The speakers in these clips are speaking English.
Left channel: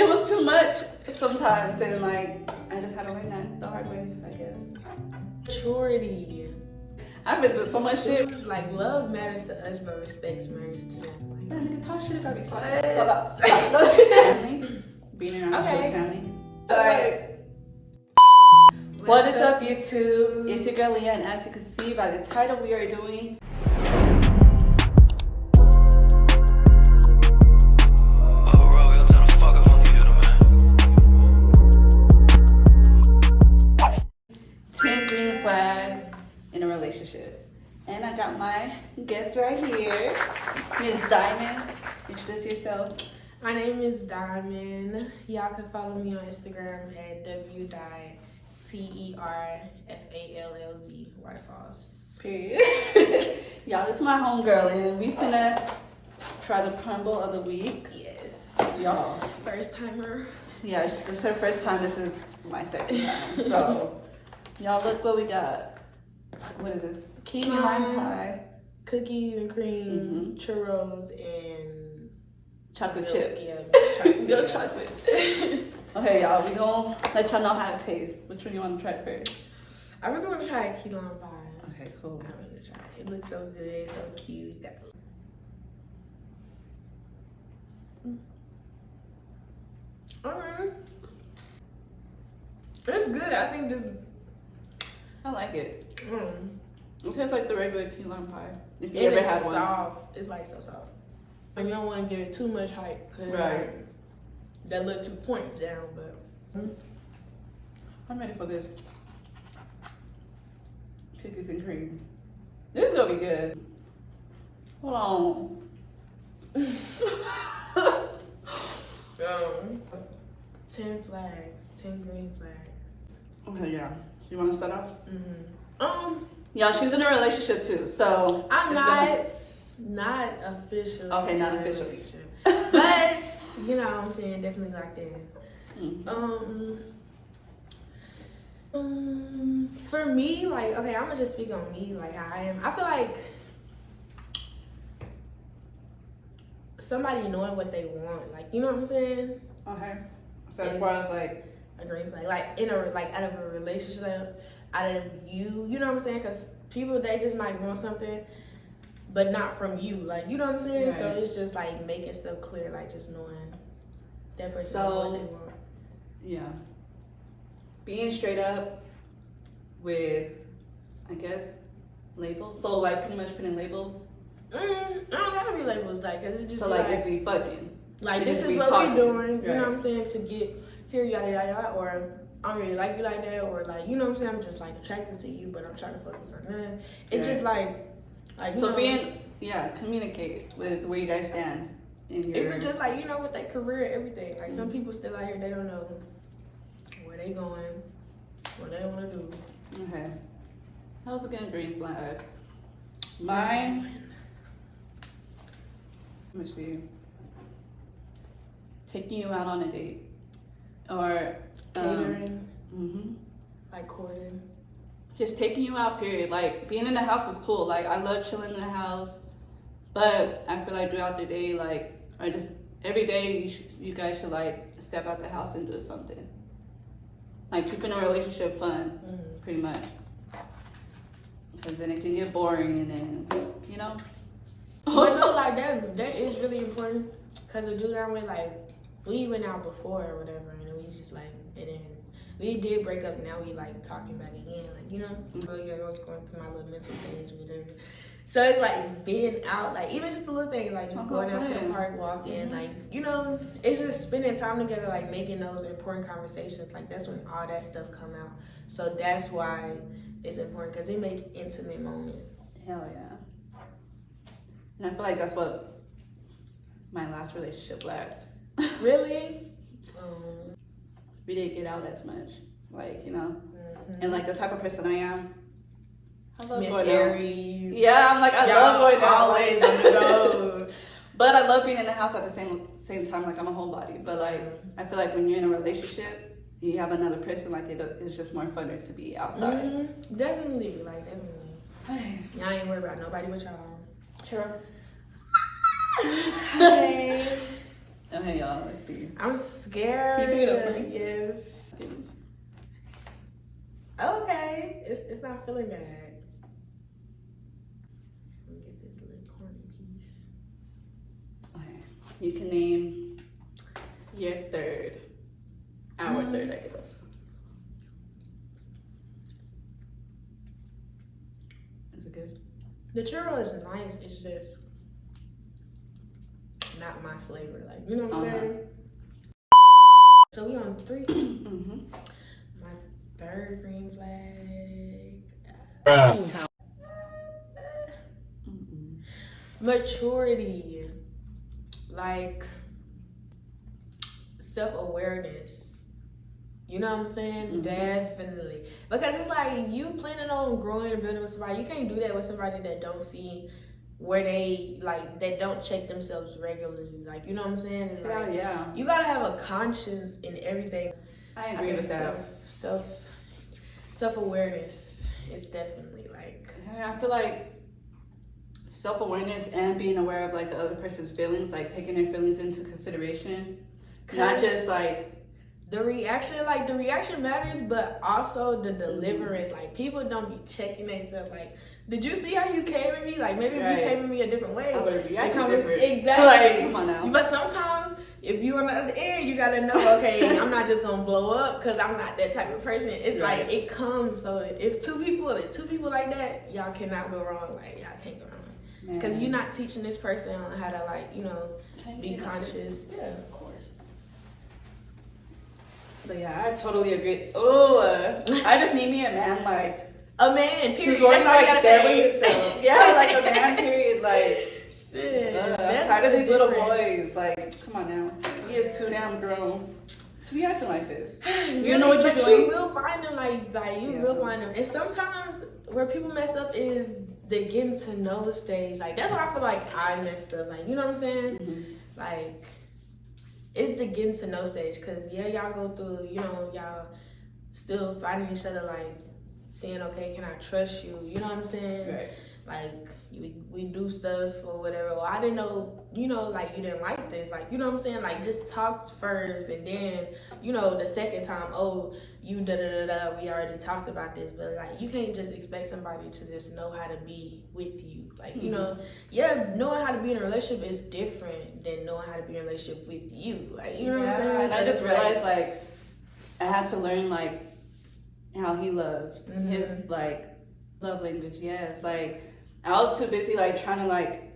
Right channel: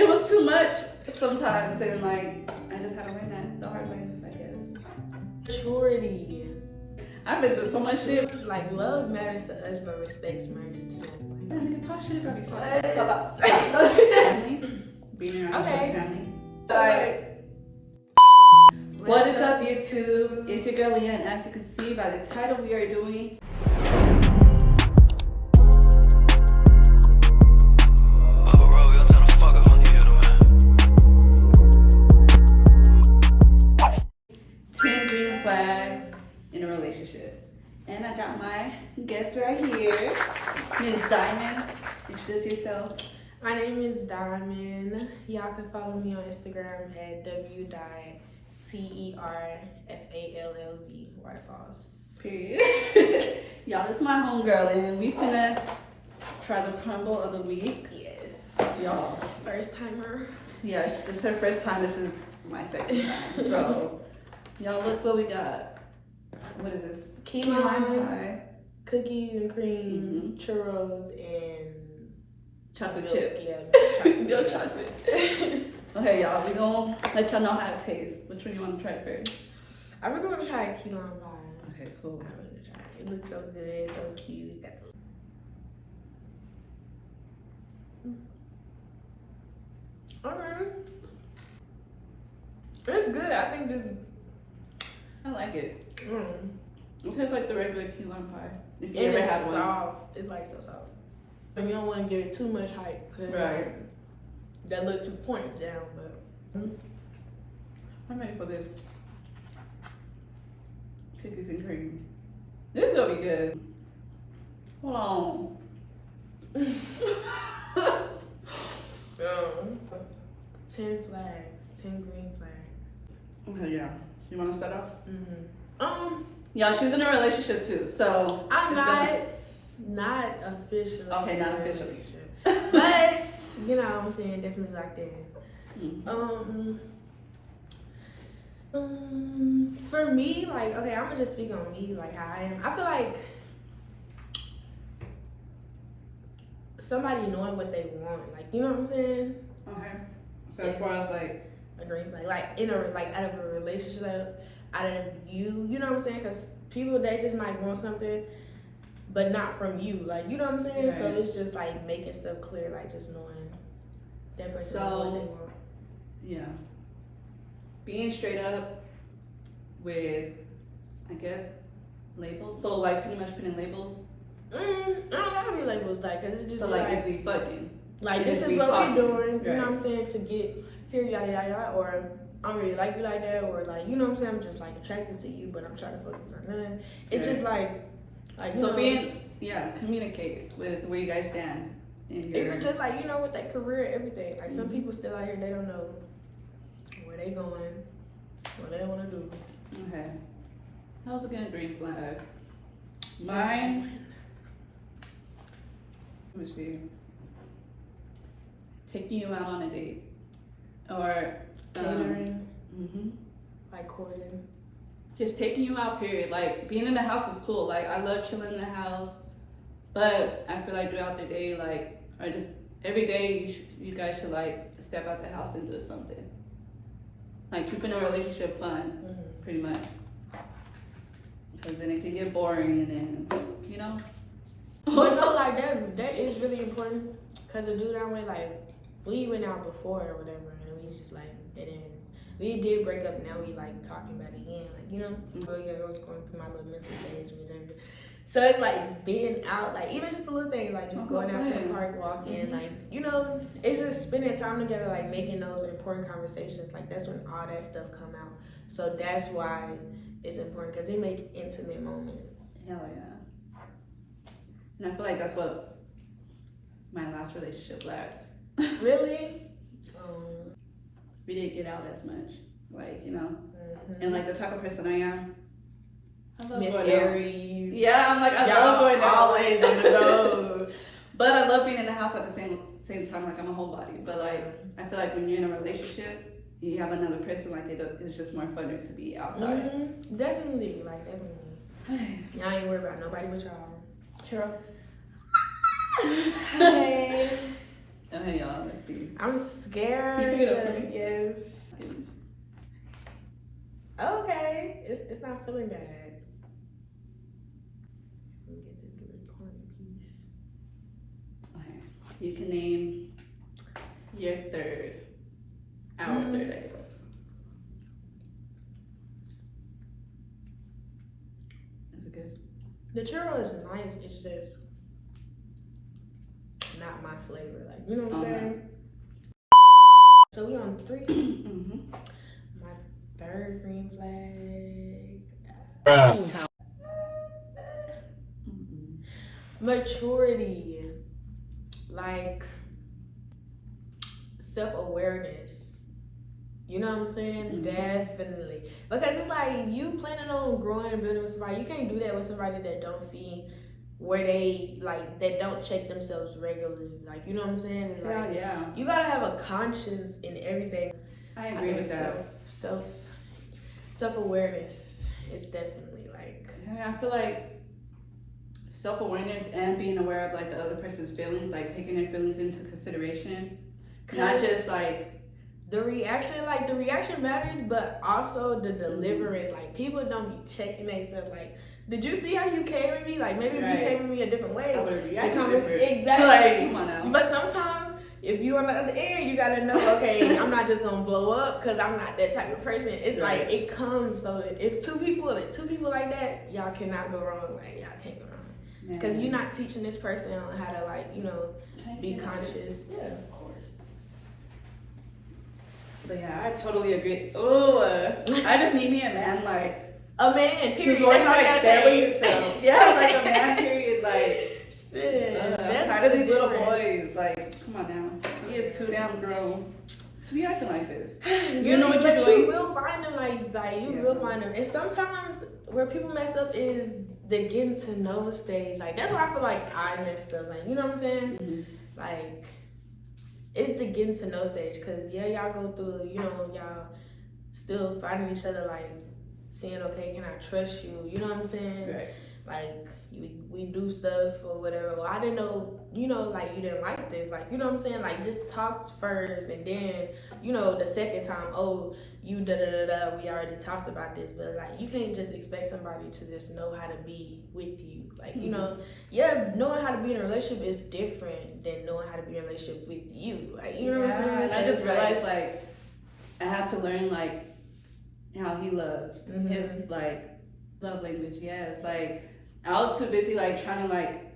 it was too much sometimes, and like I just had to learn that the hard way, I guess. Maturity. I've been through so much shit. Like, love matters to us, but respect matters to them. Like, Nigga, talk shit about each What? other. Family, being around Okay. your family. Like, what is up, YouTube? It's your girl Leah, and as you can see by the title, we are doing in a relationship. And I got my guest right here, Ms. Diamond. Introduce yourself. My name is Diamond. Y'all can follow me on Instagram at w.terfallz waterfalls. Period. Y'all, this is my homegirl, and we finna try the crumble of the week. Yes. Y'all. First timer. Yeah, this is her first time. This is my second time. So, y'all, look what we got. What is this? Key lime lime pie, cookies and cream, churros, and chocolate milk. chip. Yeah, Milk chocolate. Okay, y'all, we gonna let y'all know how it tastes. Which one you want to try first? I really want to try a key lime pie. Okay, cool. I want to try it. It looks so good, so cute. Got the... Okay. It's good. I think this. I like it. It tastes like the regular key lime pie. If you And ever it's had one. soft. It's like so soft. And you don't want to give it too much hype because that little 2 points down. But I'm ready for this. Cookies and cream. This is gonna be good. Hold on. 10 flags, 10 green flags. Okay, yeah. You want to start off? Yeah, she's in a relationship too, so I'm not officially. Okay, not in a officially. relationship. But you know what I'm saying, definitely locked in. For me, like, okay, I'm gonna just speak on me, like how I am. I feel like somebody knowing what they want, like, you know what I'm saying? Okay. So as far as like a green flag, like in a out of a relationship, out of you, you know what I'm saying? Because people, they just might want something, but not from you, like, you know what I'm saying? Right. So it's just like making stuff clear, like just knowing that person knows what they want. Yeah. Being straight up with, I guess, labels. So like pretty much putting labels. I don't gotta be labels, like, cause it's just So like it's be fucking. like this is what we doing, you know what I'm saying, to get here, yada yada yada, or I don't really like you like that, or like, you know what I'm saying, I'm just like attracted to you, but I'm trying to focus on that. It's just like you so know, being communicate with where you guys stand. Even just like, you know, with their career, everything. Like some people still out here, they don't know where they going, what they want to do. Okay. That was a good green flag. Mine. Let me see. Taking you out on a date. Or Catering. Like courting. Just taking you out, period. Like being in the house is cool. Like I love chilling in the house. But I feel like throughout the day, like, or just every day, you guys should like step out the house and do something. Like keeping a relationship fun, pretty much. Because then it can get boring, and then you know. But no, like that is really important. Cause the dude I'm with, like, we went out before or whatever, and we just like, and then we did break up. Now we like talking back again, like, you know. But yeah, I was going through my little mental stage or whatever. So it's like being out, like even just a little thing, like just going out to the park, walking, like, you know, it's just spending time together, like making those important conversations. Like that's when all that stuff come out. So that's why it's important, because they make intimate moments. Hell yeah. And I feel like that's what my last relationship lacked. Really? We didn't get out as much, like, you know. And like the type of person I am, I love Miss going Aries. out. Yeah, I'm like, I Y'all love going out. always on the go. But I love being in the house at the same time, like I'm a homebody. But like, I feel like when you're in a relationship, you have another person, like it's just more funner to be outside. Definitely, like definitely. Y'all ain't worried about nobody but y'all. Sure. Hey. Okay, y'all, let's see. I'm scared. Keep it up, please. Yes. Okay. It's not feeling bad. Let me get this little corny piece. Okay. You can name your third. Our third, I guess. Is it good? The churro is nice. It's just not my flavor. Like, you know what I'm saying? So we on 3. Mm-hmm. My third green flag. Maturity. Like self-awareness. You know what I'm saying? Definitely. Because it's like you planning on growing and building with somebody. You can't do that with somebody that don't see where they like that don't check themselves regularly. Like, you know what I'm saying? It's like you gotta have a conscience in everything. I agree with that. Self-awareness is definitely like I feel like self-awareness and being aware of like the other person's feelings, like taking their feelings into consideration. Not just like the reaction matters, but also the deliverance. Like, people don't be checking themselves. Like, did you see how you came at me? Like, maybe if you came at me a different way, I would've reacted different. Exactly. Like, come on now. But sometimes, if you on the other end, you gotta know, okay, I'm not just gonna blow up because I'm not that type of person. It's like it comes. So if two people like that, y'all cannot go wrong. Like, y'all can't go wrong because you're not teaching this person on how to, like, you know, be conscious. Yeah, of course. But yeah, I totally agree. I just need me a man, like a man, period. That's all you gotta say. Yeah, like a man, period. Like, shit. That's tired of these little difference. boys. Like, come on now. He is too damn grown to be acting like this. You know what you're doing? You will find them, like you will find them. And sometimes where people mess up is the getting to know stage. Like, that's where I feel like I messed up. Like, you know what I'm saying? Mm-hmm. Like, it's the getting to know stage, because y'all go through, you know, y'all still finding each other, like saying, okay, can I trust you? You know what I'm saying? Right. Like, we do stuff or whatever. Well, I didn't know, you know, like, you didn't like this. Like, you know what I'm saying? Like, just talk first, and then, you know, the second time, oh, you da-da-da-da, we already talked about this. But, like, you can't just expect somebody to just know how to be with you. Like, you know, knowing how to be in a relationship is different than knowing how to be in a relationship with you. Like, you know what I'm saying? And so I just realized, like, I had to learn, like, how he loves. His, like, love language. Yes, like, I was too busy, like, trying to, like,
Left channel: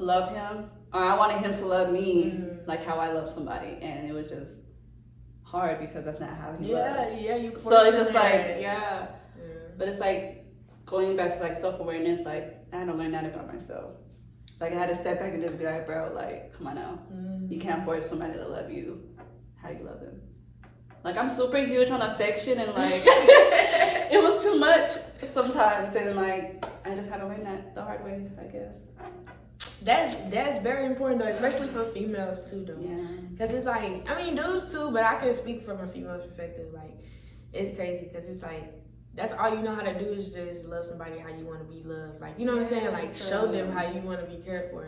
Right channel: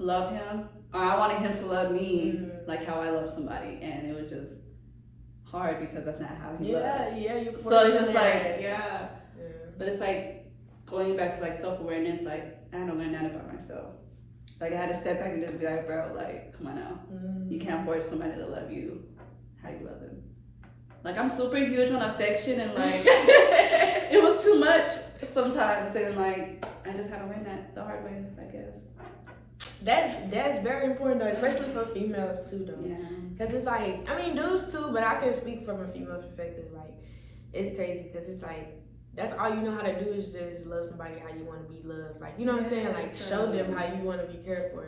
love him, or I wanted him to love me like how I love somebody, and it was just hard because that's not how he loves. You so it's just like but it's like going back to like self-awareness. Like, I had to learn that about myself. Like, I had to step back and just be like, bro, like, come on now, you can't force somebody to love you how you love them. Like, I'm super huge on affection, and like it was too much sometimes, and like I just had to learn that the hard way, I guess. That's very important though, especially for females too though. Yeah. Cause it's like, I mean, dudes too, but I can speak from a female perspective. Like, it's crazy because it's like that's all you know how to do is just love somebody how you want to be loved. Like, you know what I'm saying? Like, show them how you want to be cared for.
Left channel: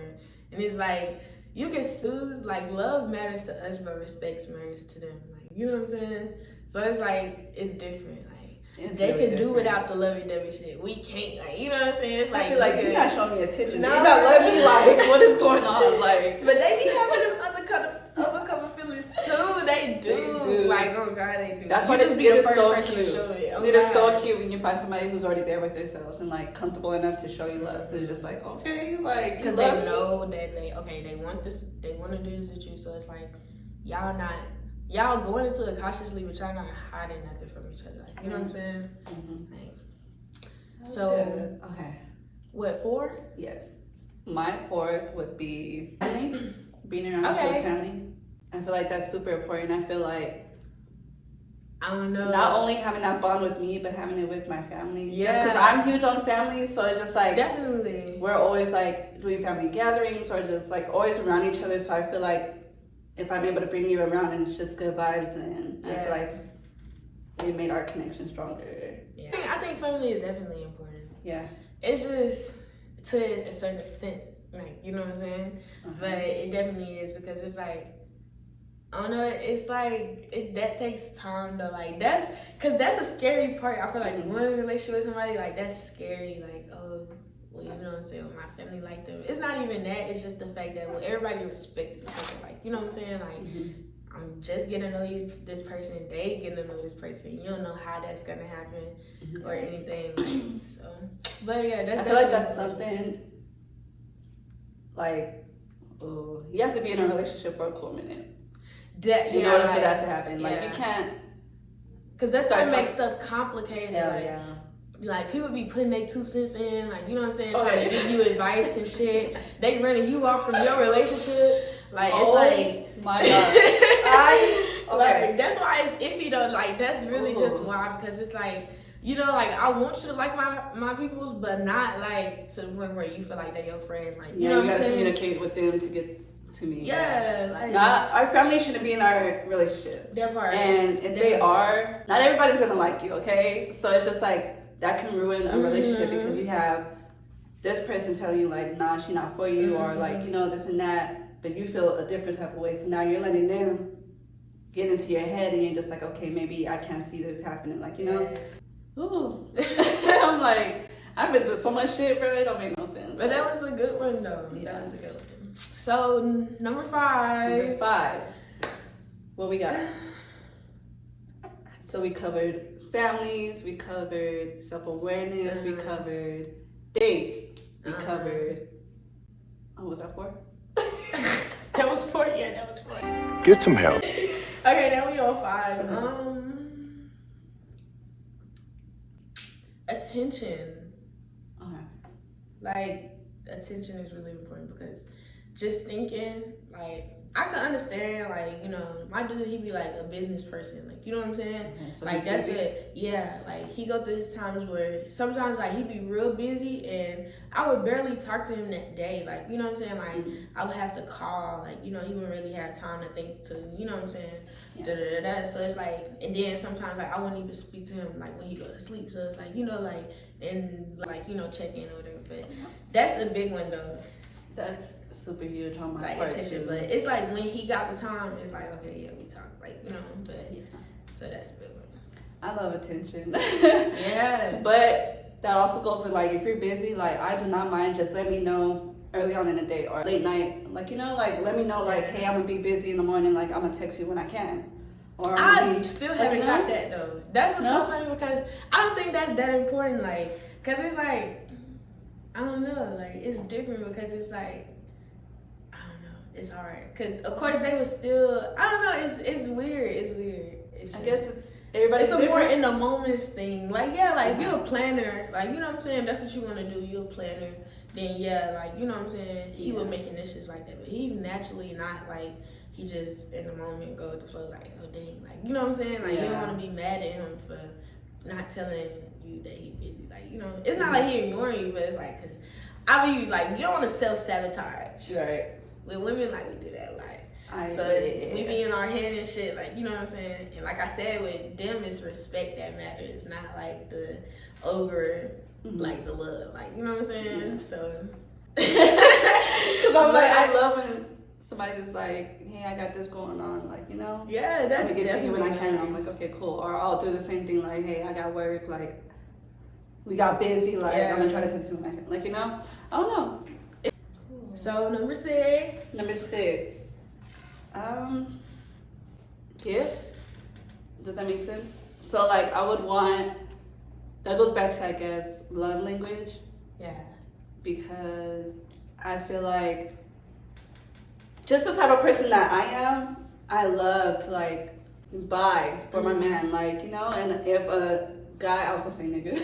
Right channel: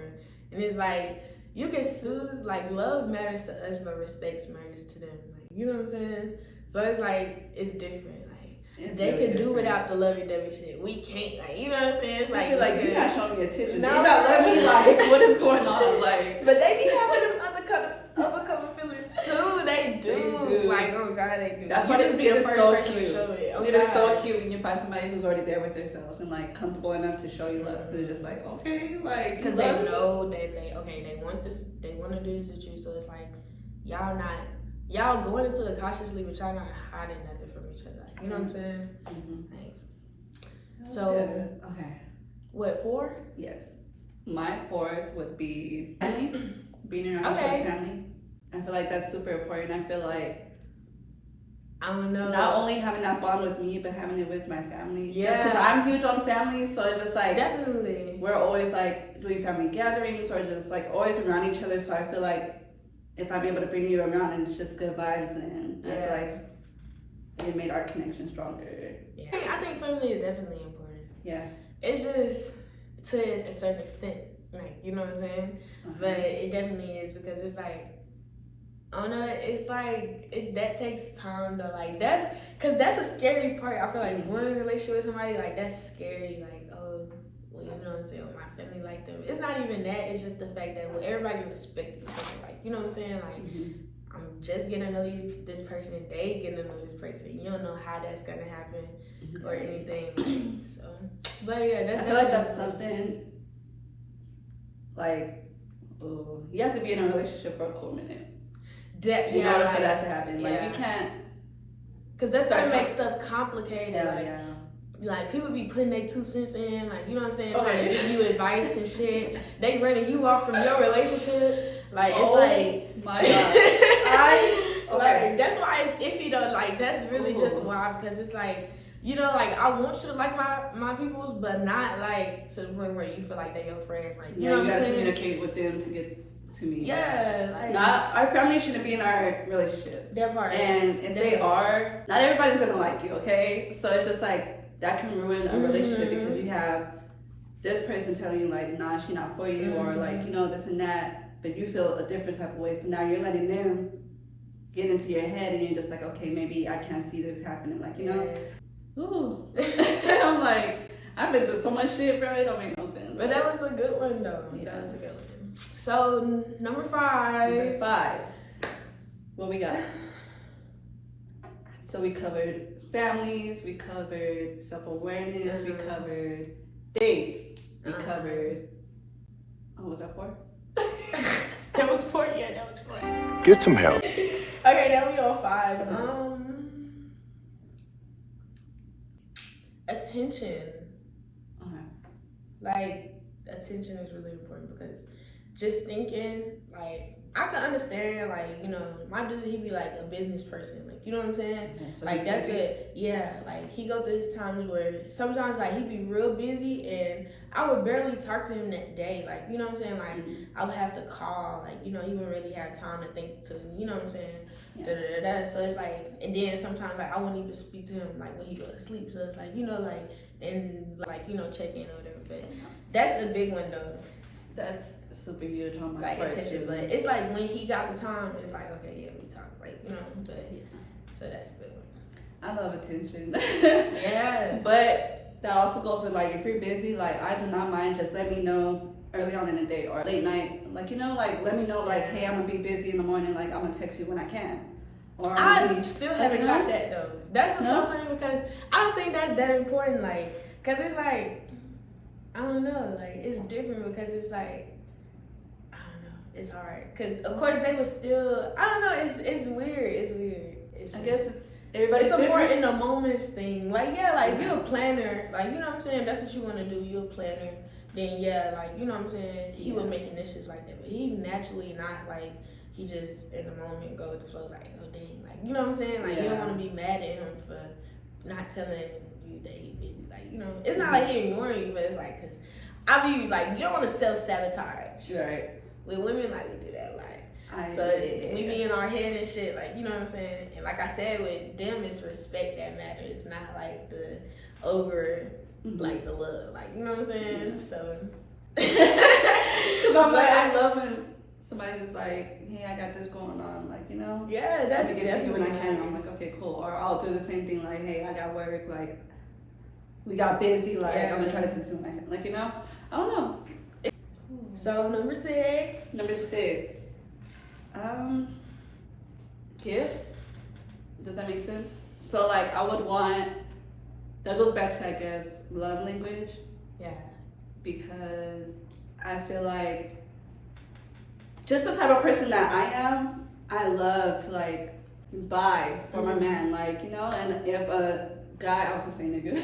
And it's like, you can choose, like, love matters to us, but respect matters to them. Like, you know what I'm saying? So it's like, it's different. Like, they could do without the lovey-dovey shit. We can't. Like, you know what I'm saying? It's like, you're not showing me attention. No, you're not letting me, like, what is going on? Like, but they be having them other kind of feelings too. They do. Like, oh God, they do. That's why just be the first person to show it. Oh, it is so cute when you find somebody who's already there with themselves and like comfortable enough to show you love. They're just like, okay, like, because they know that they want this, they want to do this with you. So it's like, y'all going into it cautiously, but y'all not hiding nothing from each other. Like, you know what I'm saying? Like, so okay, what, 4? Yes, my 4th would be family. Being around each other's family. I feel like that's super important. I feel like, I don't know, not only having that bond with me, but having it with my family. Yeah, because I'm huge on family, so it's just like, definitely, we're always like doing family gatherings or just like always around each other. So I feel like if I'm able to bring you around and it's just good vibes, and I feel like we made our connection stronger. Yeah, I think family is definitely important. Yeah, it's just to a certain extent. Like, you know what I'm saying? But it definitely is, because it's like, I don't know, it's like, that takes time to, like, because that's a scary part. I feel like going in a relationship with somebody, like, that's scary. Like, oh, well, you know what I'm saying, with my family like them. It's not even that. It's just the fact that, well, everybody respect each other. Like, you know what I'm saying? Like, I'm just getting to know this person. They getting to know this person. You don't know how that's going to happen or anything. Like, so, but yeah, I feel like that's something, like, you have to be in a relationship for a cool minute. In order for that to happen. Like, you can't. Because that's going to make stuff complicated. Like, people be putting their 2 cents in, like, you know what I'm saying, trying to give you advice and shit. They running you off from your relationship. Like, it's like, my God. Like, that's why it's iffy though. Like, that's really just why, because it's like, you know, like, I want you to like my peoples, but not like to the point where you feel like they're your friend. Like, you know what I'm saying? You gotta communicate with them to get to me. Yeah, like, our family shouldn't be in our relationship. That part. And if they are, not everybody's gonna like you, okay? So it's just like, that can ruin a relationship because you have this person telling you like, nah, she's not for you, or like, you know, this and that, but you feel a different type of way. So now you're letting them get into your head, and you're just like, okay, maybe I can't see this happening, like, you know. Ooh. I'm like, I've been through so much shit, bro. It don't make no sense. But that was a good one though. Yeah. That was a good one. So number 5. What we got? So we covered families, we covered self-awareness, we covered dates, we covered, what was that 4? That was 4, yeah, that was 4. Get some help. Okay, now we on 5. Attention. Like, attention is really important, because just thinking, like, I can understand, like, you know, my dude, he be like a business person, like, you know what I'm saying? Yeah, so like, that's what, like, he go through his times where sometimes, like, he be real busy, and I would barely talk to him that day, like, you know what I'm saying? Like, I would have to call, like, you know, he wouldn't really have time to think to, you know what I'm saying? So it's like, and then sometimes, like, I wouldn't even speak to him, like, when he go to sleep, so it's like, you know, like, and, like, you know, check in or whatever, but that's a big one, though. That's super huge on my like part attention, too. but it's like when he got the time, it's like, okay, yeah, we talk, like, you know, but so that's a big one. I love attention. Yeah. But that also goes with, like, if you're busy, like, I do not mind, just let me know early on in the day or late night, like, you know, like, let me know, like, hey, I'm gonna be busy in the morning, like, I'm gonna text you when I can. Or I still haven't got that though. That's what's so funny, because I don't think that's that important, like, because it's like, I don't know, like, it's different, because it's like, I don't know, it's hard, because of course they was still, I don't know, it's weird, it's just, I guess it's everybody's it's a more different. in the moments thing, like, yeah, like, if you're a planner, like, you know what I'm saying, that's what you want to do, you're a planner, then yeah, like, you know what I'm saying, he would make initiatives like that, but he naturally not, like, he just in the moment go with the flow, like, oh dang, like, you know what I'm saying, like, you don't want to be mad at him for not telling you that he busy, like, you know, it's not like he ignoring you, but it's like, because I be like, you don't want to self-sabotage. Right. With women, like, we do that a lot. We be in our head and shit, like, you know what I'm saying, and like I said, with them, it's respect that matters, not like the over, like, the love, like, you know what I'm saying, so. I love when somebody's like, hey, I got this going on, like, you know? Yeah, that's definitely when I can. I'm like, okay, cool. Or I'll do the same thing, like, hey, I got work, like, we got busy, like, I'm gonna try to text you when I can. Like, you know? I don't know. So, number 6. Gifts. Does that make sense? So, like, I would want, that goes back to, I guess, love language. Yeah. Because I feel like, just the type of person that I am, I love to, like, buy for my man, like, you know, and if a guy, I was gonna say nigga,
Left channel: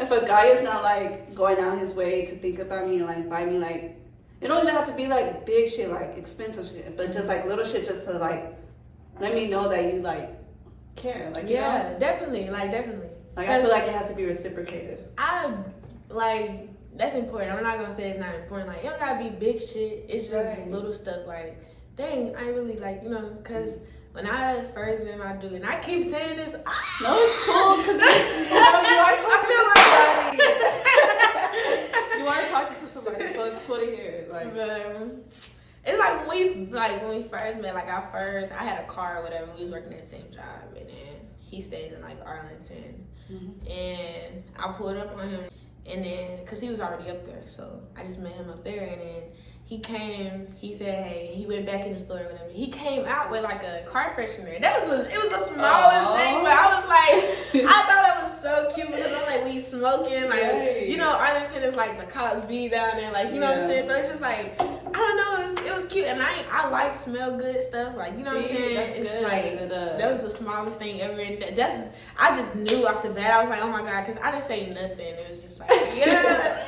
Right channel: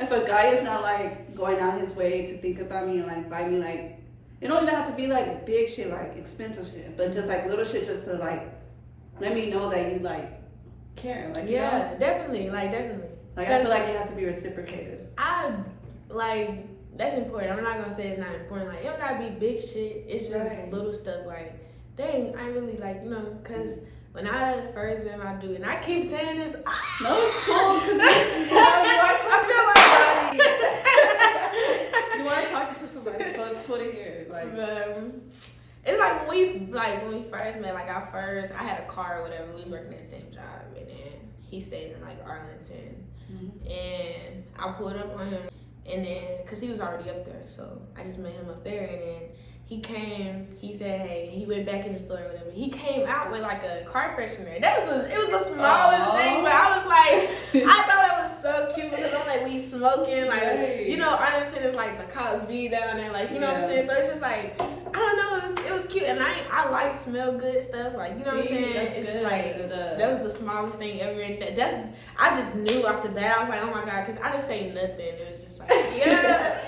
if a guy is not, like, going out his way to think about me and, like, buy me, like, it don't even have to be, like, big shit, like, expensive shit, but just, like, little shit just to, like, let me know that you, like, care, like, you know? definitely, like, definitely. Like, I feel like it has to be reciprocated. Like, that's important. I'm not gonna say it's not important. Like, you don't gotta be big shit. It's just little stuff. Like, dang, I really, like, you know, because when I first met my dude, and I keep saying this, no, it's cool. I feel like you you are talking to somebody, so it's cool to hear. Like, it's like when we first met, like I had a car or whatever. We was working at the same job, and then he stayed in like Arlington, and I pulled up on him, and then cause he was already up there, so I just met him up there, and then he came. He said, "Hey," he went back in the store or whatever. He came out with like a car freshener. It was the smallest thing, but I was like, I thought it was so cute because I'm like, we smoking, like you know, Arlington is like the Cosby down there, like you know what I'm saying. So it's just like I don't know, it was cute, and I like smell good stuff, like you know what I'm saying. It's just like that was the smallest thing ever, and I just knew off the bat. I was like, oh my god, because I didn't say nothing. It was just like, yeah,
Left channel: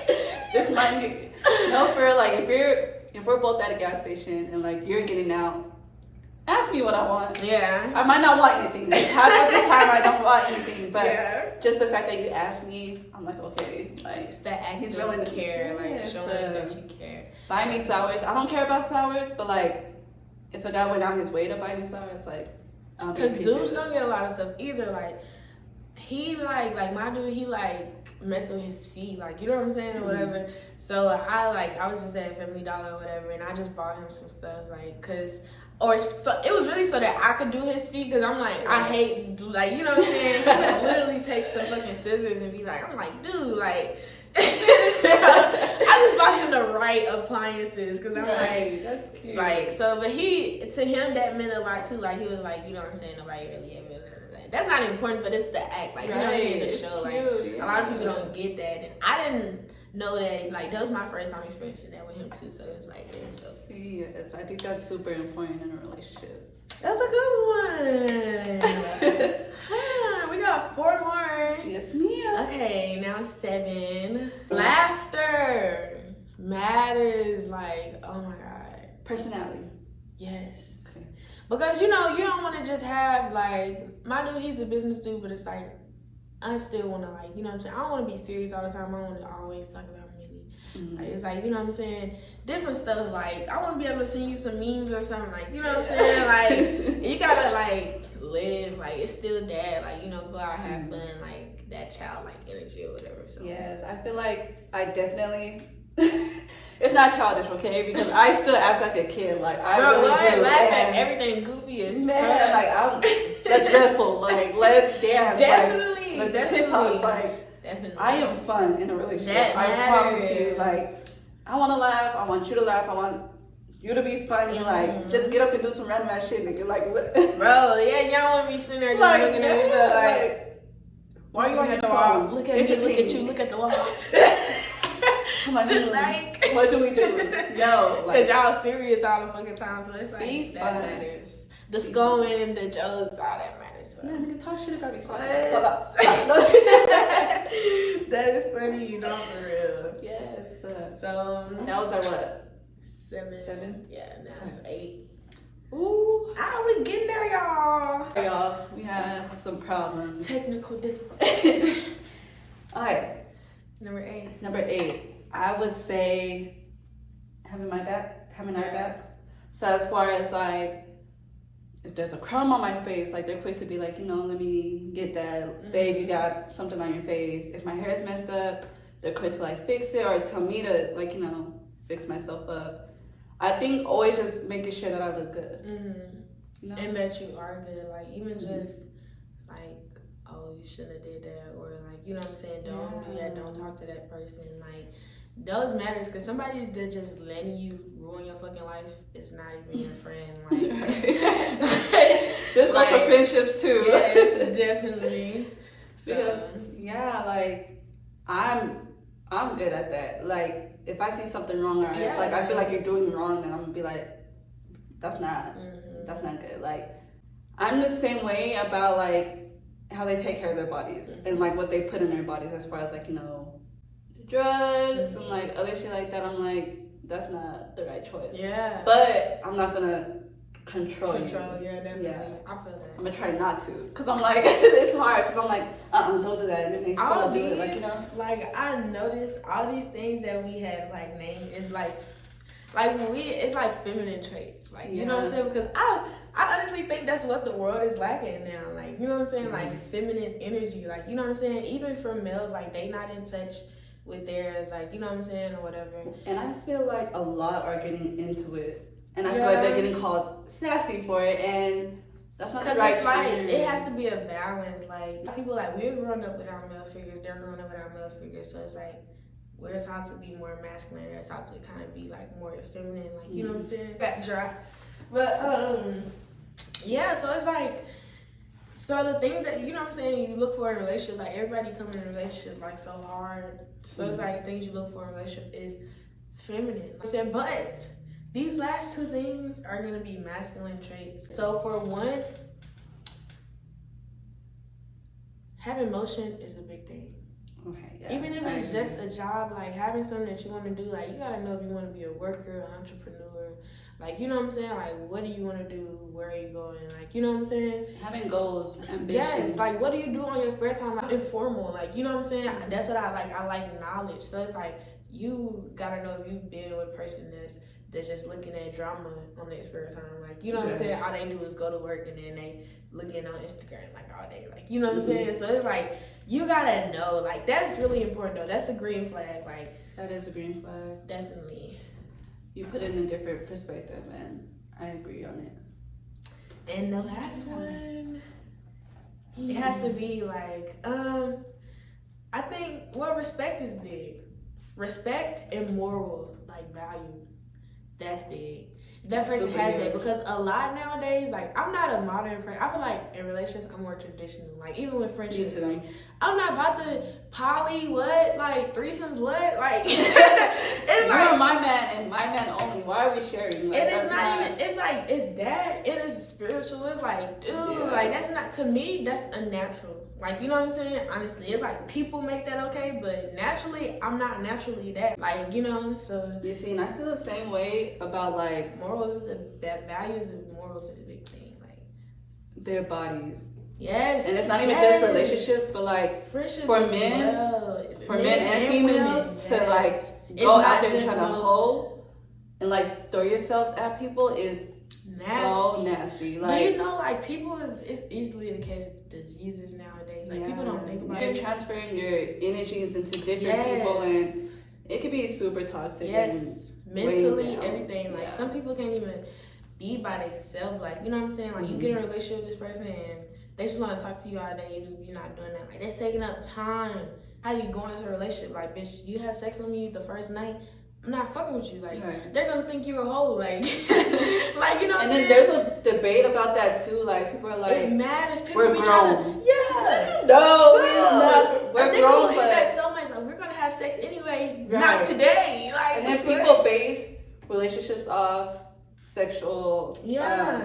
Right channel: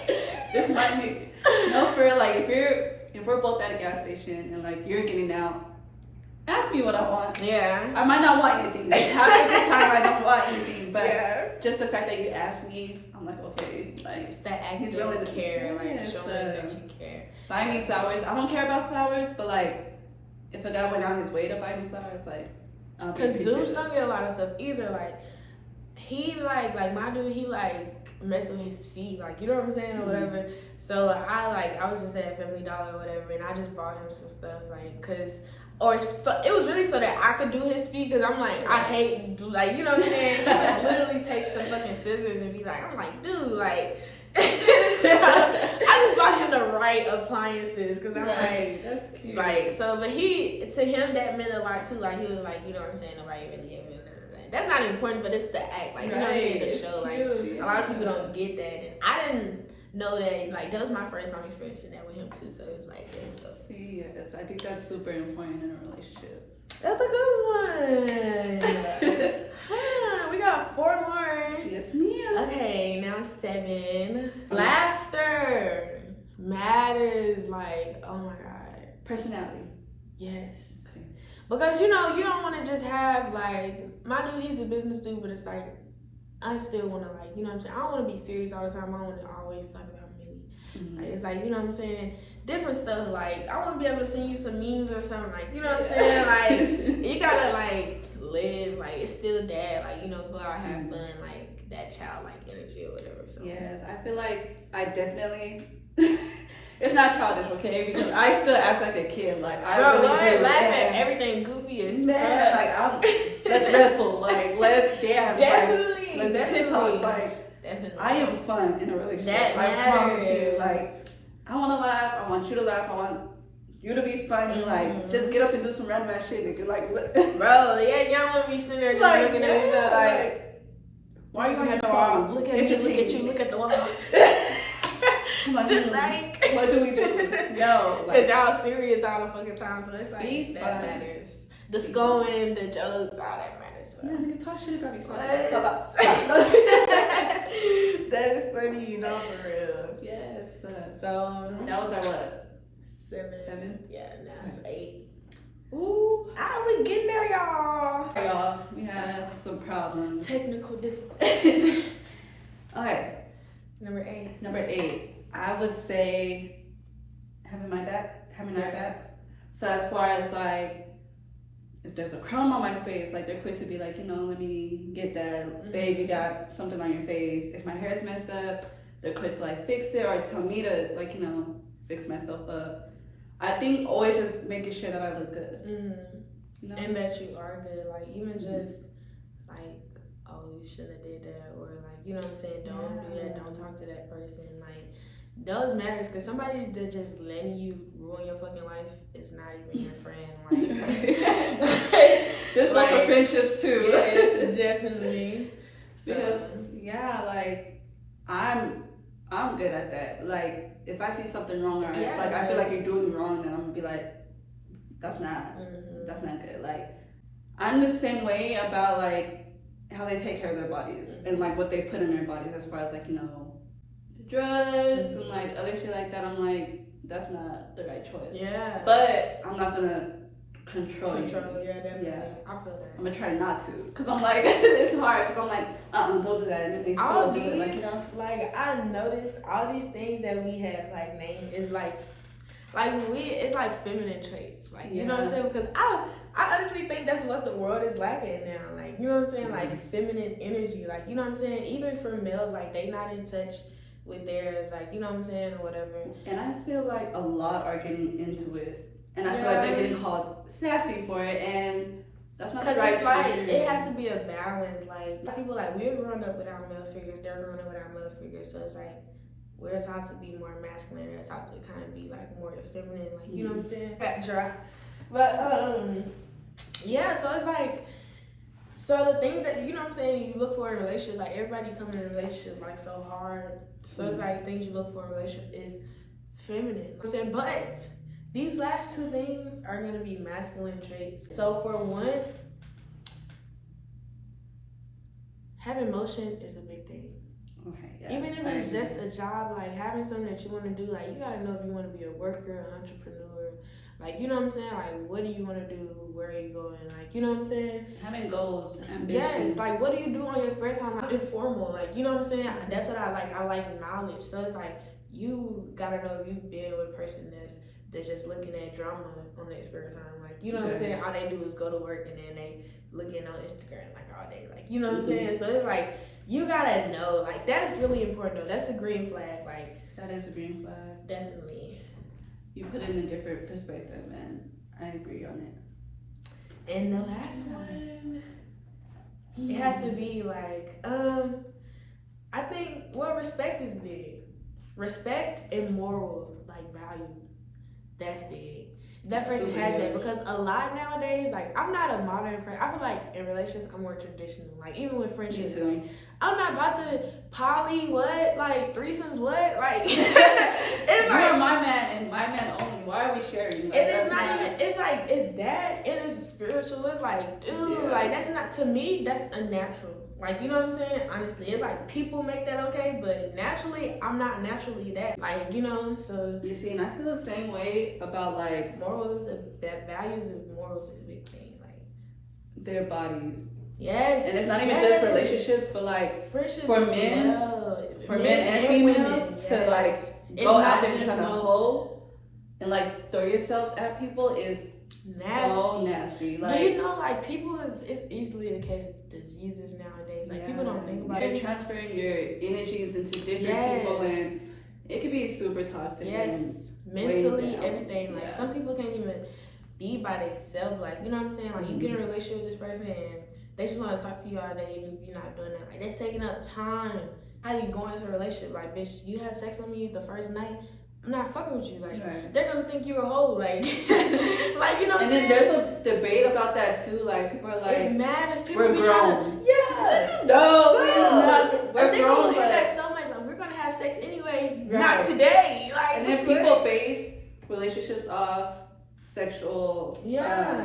this might no, for like if we're both at a gas station and like you're getting out, ask me what I want. Yeah. I might not want anything. Like, half of the time I don't want anything, but just the fact that you ask me, I'm like, okay, like it's that active really care, like showing that you care. Buy me flowers. I don't care about flowers, but like if a guy went out his way to buy me flowers, like because dudes don't get a lot of stuff either. Like he like my dude, he like mess with his feet, like you know what I'm saying, or whatever. So I was just at Family Dollar or whatever, and I just bought him some stuff, like it was really so that I could do his feet, because I'm like, I hate, like, you know what I'm saying? He could literally take some fucking scissors and be like, I'm like, dude, like, so I just bought him the right appliances, because I'm like, that's cute. Like, so, but to him, that meant a lot too. Like, he was like, you know what I'm saying? Nobody really ever. That's not important, but it's the act. Like, you know what I'm saying? The show. Like, a lot of people don't get that. And I didn't know that. Like, that was my first time experiencing that with him too. So it was like, yeah, so. Yes, I think that's super important in a relationship. That's a good one. We got 4 more. Yes, ma'am. Okay, now 7. Laughter matters. Like, oh my God. Personality. Yes. Because, you know, you don't want to just have, like, my dude, he's a business dude, but it's like, I still want to, like, you know what I'm saying? I don't want to be serious all the time. I want to always talk about me. Like, it's like, you know what I'm saying? Different stuff, like, I want to be able to send you some memes or something, like, you know what I'm saying? Like, you got to, like, live, like, it's still dad, like, you know, go out, have fun, like, that childlike energy or whatever. So. Yes, I feel like I definitely... It's not childish, okay? Because I still act like a kid. Like I really do. Laugh at everything goofy as fuck. Like let's wrestle. Like let's dance. Definitely, like, let's definitely. Like definitely. I am fun in a relationship. That I matters. promise you. Like I want to laugh. I want you to laugh. I want you to be funny. Like just get up and do some random ass shit. And you're like, bro, yeah, y'all want to be sitting there just like, looking at each other like, why are you looking at the wall? Look at me. Look at you. Look at the wall. Like, just like, what do we do? Yo, because y'all serious all the fucking time, so it's like that fun. Matters. The scolding, the jokes, all that matters. Yeah, when you talk shit about each That is funny, you know, for real. Yes. So that was our what? 7. Yeah, now it's 8. Ooh. We getting there, y'all. Hey, y'all, we had some problems. Technical difficulties. Alright. Number 8. I would say having our backs. So as far as like, if there's a crumb on my face, like they're quick to be like, you know, let me get that. Babe, you got something on your face. If my hair is messed up, they're quick to like fix it or tell me to like, you know, fix myself up. I think always just making sure that I look good. You know? And that you are good. Like even just like, oh, you shouldn't have did that, or like, you know what I'm saying, don't do that, don't talk to that person. Like those matters, because somebody that just letting you ruin your fucking life is not even your friend. Like this goes for friendships too. Yes, definitely. So yeah, like I'm good at that. Like if I see something wrong, or like I feel like you're doing wrong, then I'm gonna be like, that's not good. Like I'm the same way about like how they take care of their bodies and like what they put in their bodies as far as like, you know, drugs and like other shit like that. I'm like, that's not the right choice. Yeah. But I'm not gonna control you. Yeah, definitely. Yeah. I feel that. I'm gonna try not to, cause I'm like it's hard, cause I'm like don't do that, and they still do it. Like, you know, like I noticed all these things that we have like named is like it's like feminine traits, like you know what I'm saying, because I honestly think that's what the world is lacking now, like you know what I'm saying, like feminine energy, like you know what I'm saying, even for males, like they not in touch with theirs, like, you know what I'm saying, or whatever. And I feel like a lot are getting into it, and I feel like they're getting called sassy for it, and that's not the right it's like term. it has to be a balance. Like people like we're growing up with our male figures, they're growing up with our male figures, so it's like we're taught to be more masculine, they're taught to kind of be like more feminine, like you know what I'm saying. That dry, but yeah. So it's like. So the things that, you know what I'm saying, you look for in a relationship, like everybody come in a relationship like so hard. So it's like things you look for in a relationship is feminine. You know what I'm saying? But these last two things are gonna be masculine traits. So for one, having motion is a big thing. Okay, yeah, even if it's just a job, like having something that you want to do, like you gotta know if you want to be a worker, an entrepreneur, like you know what I'm saying, like what do you want to do, where are you going, like you know what I'm saying, having goals, ambition. Yes, like what do you do on your spare time, like informal, like you know what I'm saying. That's what I like knowledge. So it's like you gotta know if you've been with a person that's just looking at drama on their spare time, like you know what I'm saying. All they do is go to work and then they looking on Instagram like all day, like you know what I'm saying. So it's like you gotta know, like that's really important though. That's a green flag, like that is a green flag. Definitely. You put it in a different perspective, and I agree on it. And the last one, it has to be like, I think respect is big. Respect and moral like value, that's big. That person has that, because a lot nowadays, like I'm not a modern person. I feel like in relationships I'm more traditional. Like even with friendships, like I'm not about to poly what, like threesomes what, like it's like you're my man and my man only. Why are we sharing? Like, and it's not even. It's like it's that. It is spiritual. It's like dude, like that's not, to me. That's unnatural. Like, you know what I'm saying? Honestly, it's like people make that okay, but naturally, I'm not naturally that. Like, you know, so. You see, and I feel the same way about like morals is values and morals is a big thing. Like, their bodies. Yes. And it's not even just relationships, but like friendships for men, for men and females to like go out there and try to hoe and like throw yourselves at people is so nasty. Like, do you know, like people it's easily to catch diseases nowadays. Like people don't think about it. You're transferring your energies into different people, and it could be super toxic. Yes, mentally, everything. Like some people can't even be by themselves. Like you know what I'm saying. Like you get in a relationship with this person and they just want to talk to you all day, even if you're not doing that. Like that's taking up time. How do you go into a relationship? Like, bitch, you had sex with me the first night. I'm not fucking with you. Like, they're gonna think you're a hoe. Like, like you know what I'm saying? And then there's a debate about that too. Like, people are like, it matters. People we're be grown. trying to, No, we're they grown. They hit that so much. Like, we're gonna have sex anyway. Right. Not today. Like, and then people base relationships off sexual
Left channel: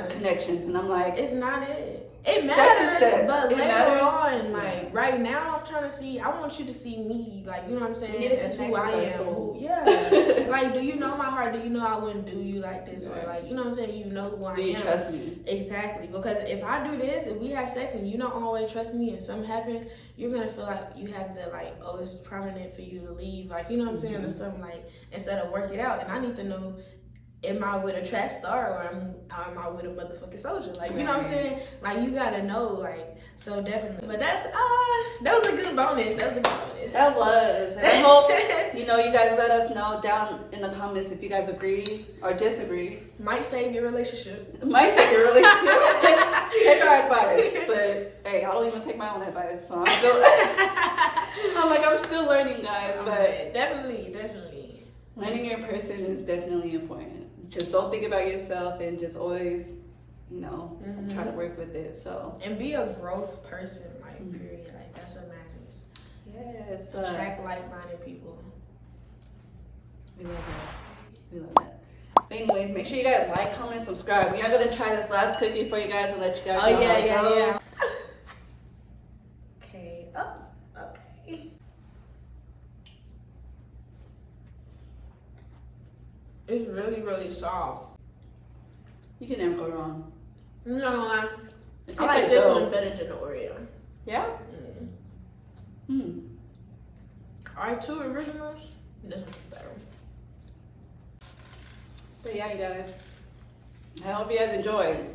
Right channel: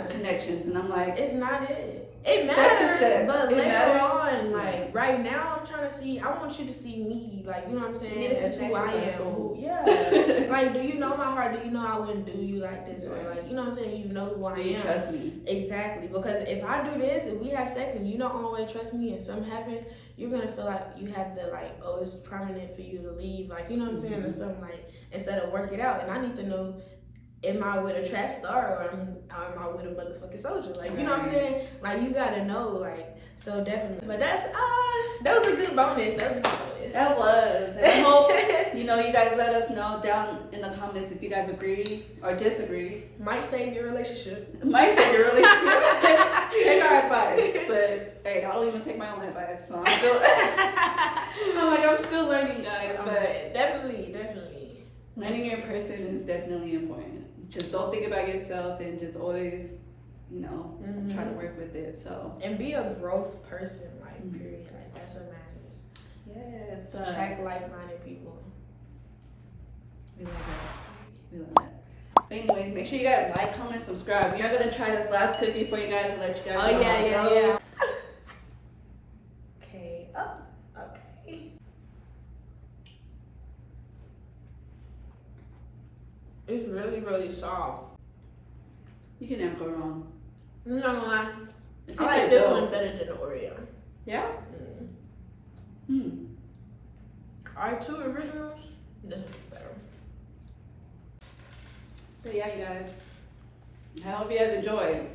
connections, and I'm like, it's not it. It matters, but later on, like right now, I'm trying to see. I want you to see me, like you know what I'm saying, as who I am. Like, do you know my heart? Do you know I wouldn't do you like this, or like you know what I'm saying? You know who I am. Do you trust me? Exactly, because if I do this, if we have sex and you don't always trust me, and something happen, you're gonna feel like you have to like, oh, it's prominent for you to leave, like you know what I'm saying, or something, like instead of work it out. And I need to know. Am I with a trash star or am I with a motherfucking soldier? Like, you know what I'm saying? Like, you gotta know, like, so definitely. But that was a good bonus. That was a good bonus. That was. And I hope, you guys let us know down in the comments if you guys agree or disagree. Might save your relationship. Might save your relationship. Take our advice. But, hey, I don't even take my own advice. So I'm still learning, guys. But definitely. Learning your person is definitely important. Just don't think about yourself and just always, try to work with it. So and be a growth person, like period. Like that's what matters. Yes. Attract like-minded people. We love that. But anyways, make sure you guys like, comment, subscribe. We are gonna try this last cookie for you guys and let you guys know. Yeah. Okay. Oh, okay. It's really, really soft. You can never go wrong. I'm not gonna lie. I like this one better than the Oreo. Yeah? Our two originals, this one's better. But yeah, you guys. I hope you guys enjoyed.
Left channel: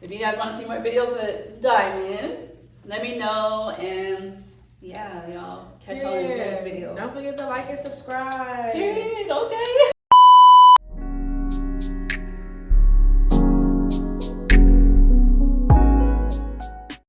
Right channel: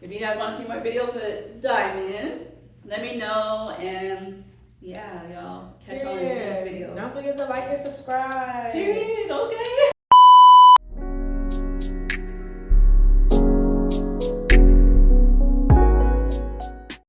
If you guys want to see more videos with Diamond, let me know. And Yeah, y'all. Catch y'all in the next video. Don't forget to like and subscribe. Period. Okay.